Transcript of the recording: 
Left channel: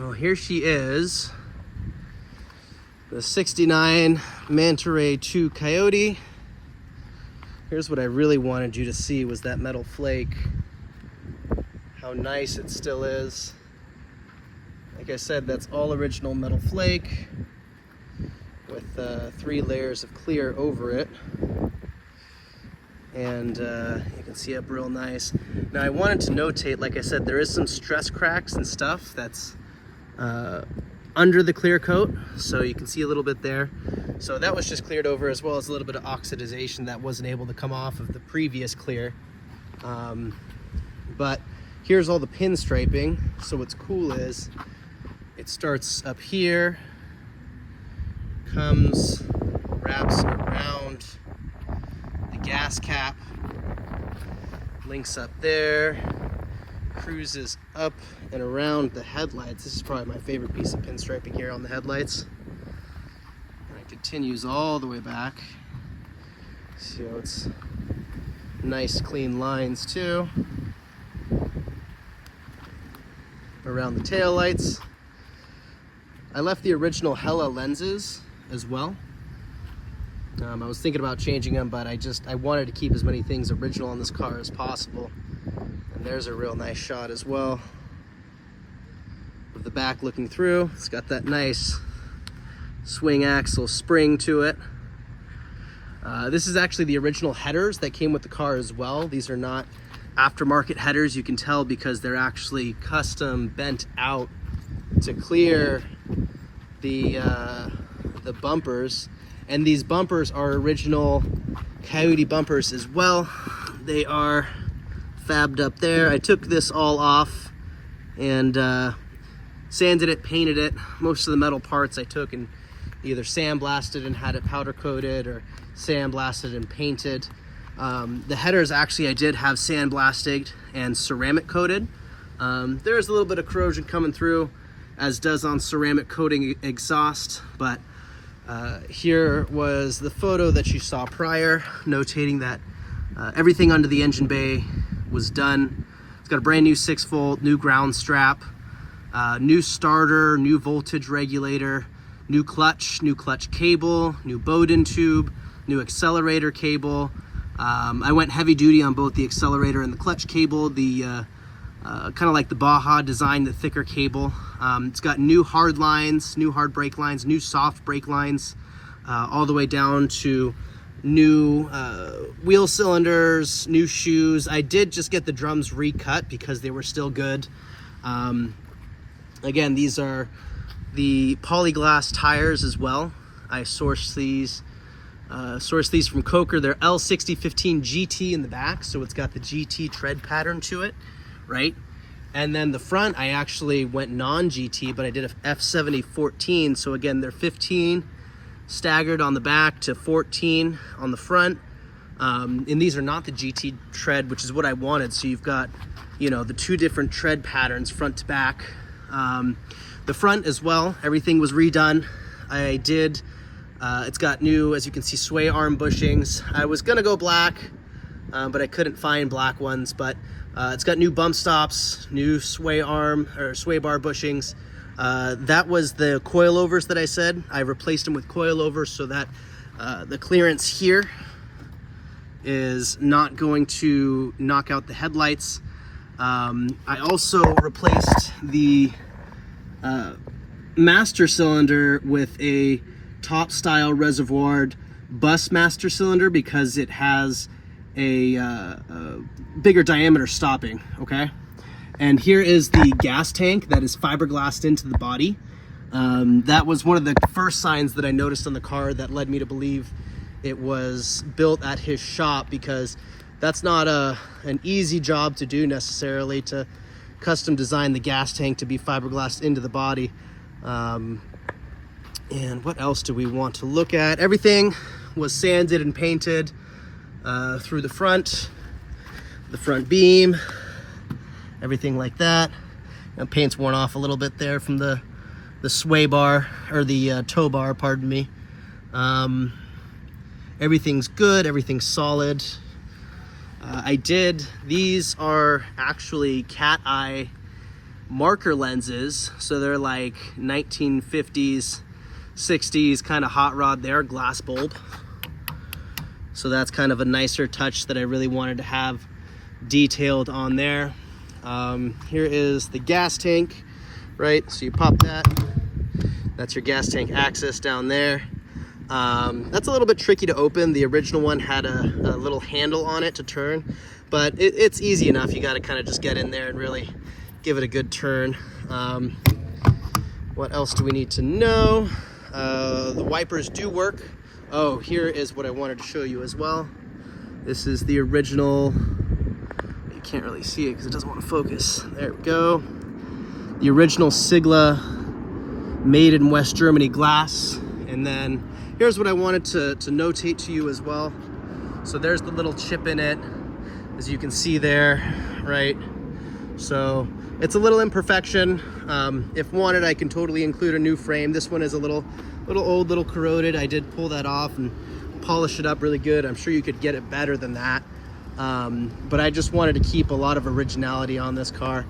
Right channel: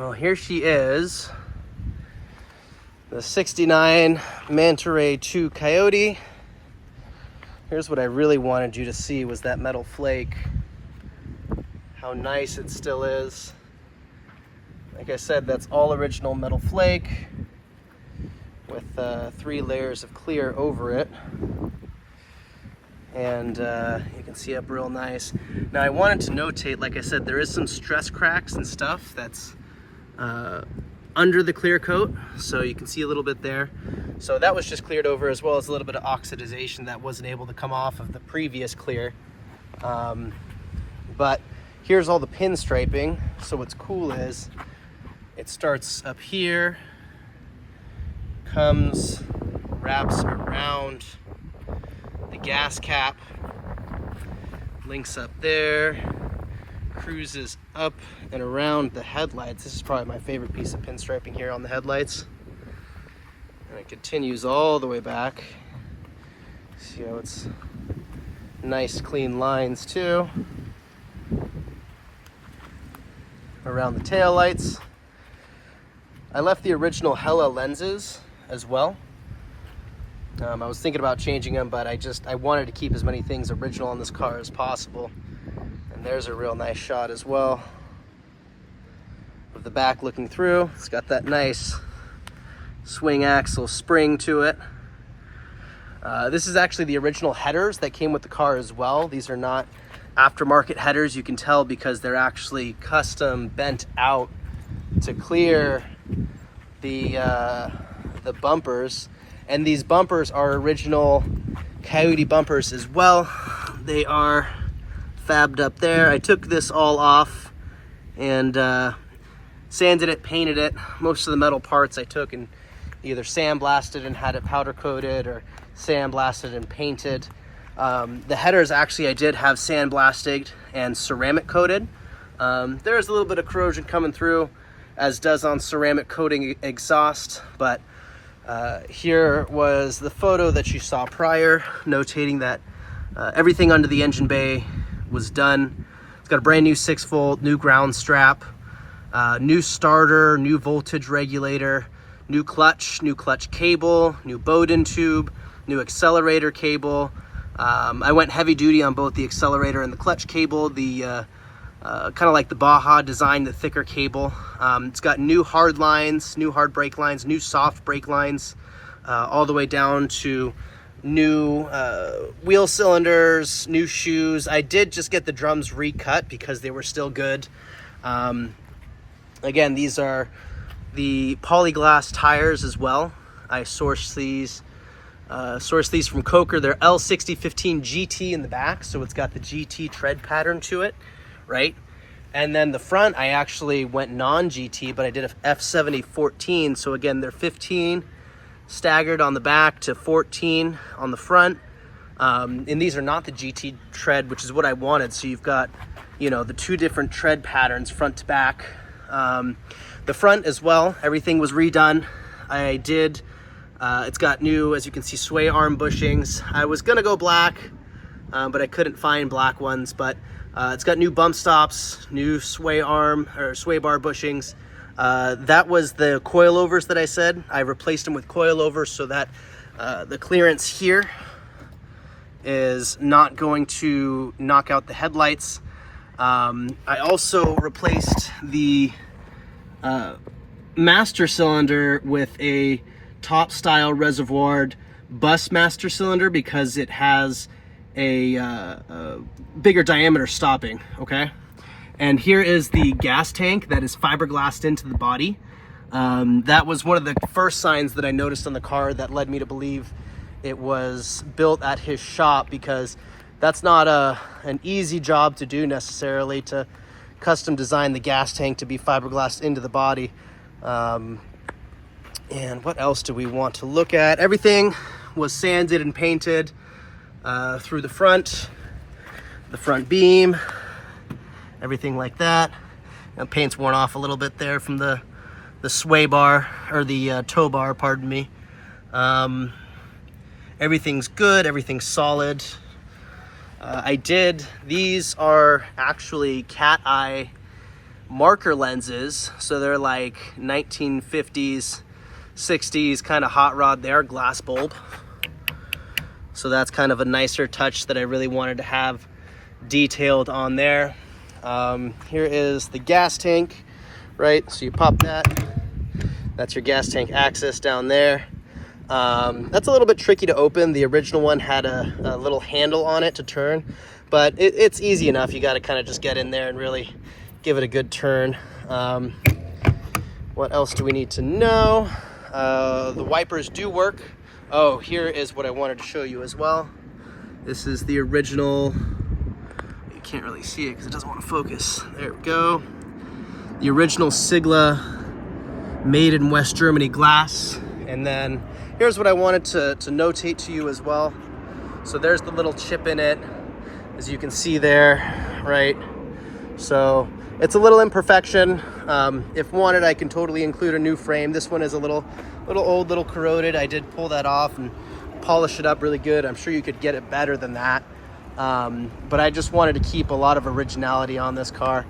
Well, here she is. The 69 Mantaray 2 Kyote. Here's what I really wanted you to see was that metal flake. How nice it still is. Like I said, that's all original metal flake with 3 layers of clear over it. And you can see up real nice. Now I wanted to notate, like I said, there is some stress cracks and stuff that's under the clear coat, so you can see a little bit there. So that was just cleared over, as well as a little bit of oxidization that wasn't able to come off of the previous clear. But here's all the pinstriping. So what's cool is it starts up here, comes, wraps around the gas cap, links up there, cruises up and around the headlights. This is probably my favorite piece of pinstriping here on the headlights. And it continues all the way back. See how it's nice clean lines too. Around the tail lights. I left the original Hella lenses as well. I was thinking about changing them, but I wanted to keep as many things original on this car as possible. And there's a real nice shot as well of the back looking through. It's got that nice swing axle spring to it. This is actually the original headers that came with the car as well. These are not aftermarket headers. You can tell because they're actually custom bent out to clear the bumpers. And these bumpers are original Kyote bumpers as well. They are fabbed up there. I took this all off and sanded it, painted it. Most of the metal parts I took and either sandblasted and had it powder coated, or sandblasted and painted. The headers actually I did have sandblasted and ceramic coated. There's a little bit of corrosion coming through, as does on ceramic coating exhaust, but here was the photo that you saw prior, notating that everything under the engine bay was done. It's got a brand new 6-volt, new ground strap, new starter, new voltage regulator, new clutch cable, new Bowden tube, new accelerator cable. I went heavy duty on both the accelerator and the clutch cable, the kind of like the Baja design, the thicker cable. It's got new hard lines, new hard brake lines, new soft brake lines, all the way down to new wheel cylinders, new shoes. I did just get the drums recut because they were still good. Again, these are the polyglass tires as well. I sourced these from Coker. They're L6015 GT in the back, so it's got the GT tread pattern to it, right? And then the front, I actually went non-GT, but I did a F70 14. So again, they're 15 staggered on the back to 14 on the front. And these are not the GT tread, which is what I wanted. So you've got, you know, the 2 different tread patterns, front to back. The front as well, everything was redone. I did, it's got new, as you can see, sway arm bushings. I was gonna go black, but I couldn't find black ones, but it's got new bump stops, new sway arm or sway bar bushings. That was the coilovers that I said. I replaced them with coilovers so that the clearance here is not going to knock out the headlights. I also replaced the master cylinder with a top style reservoired bus master cylinder because it has a bigger diameter stopping, okay? And here is the gas tank that is fiberglassed into the body. That was one of the first signs that I noticed on the car that led me to believe it was built at his shop, because that's not an easy job to do necessarily, to custom design the gas tank to be fiberglassed into the body. And what else do we want to look at? Everything was sanded and painted through the front beam, everything like that. And paint's worn off a little bit there from the sway bar, or the tow bar, pardon me. Everything's good, everything's solid. These are actually cat eye marker lenses. So they're like 1950s, 60s kind of hot rod there, glass bulb. So that's kind of a nicer touch that I really wanted to have detailed on there. Here is the gas tank, right? So you pop that. That's your gas tank access down there. That's a little bit tricky to open. The original one had a little handle on it to turn, but it's easy enough. You got to kind of just get in there and really give it a good turn. What else do we need to know? The wipers do work. Oh, here is what I wanted to show you as well. This is the original. You can't really see it because it doesn't want to focus. There we go. The original Sigla made in West Germany glass. And then here's what I wanted to notate to you as well. So there's the little chip in it, as you can see there, right? So it's a little imperfection. If wanted, I can totally include a new frame. This one is a little old, little corroded. I did pull that off and polish it up really good. I'm sure you could get it better than that. But I just wanted to keep a lot of originality on this car.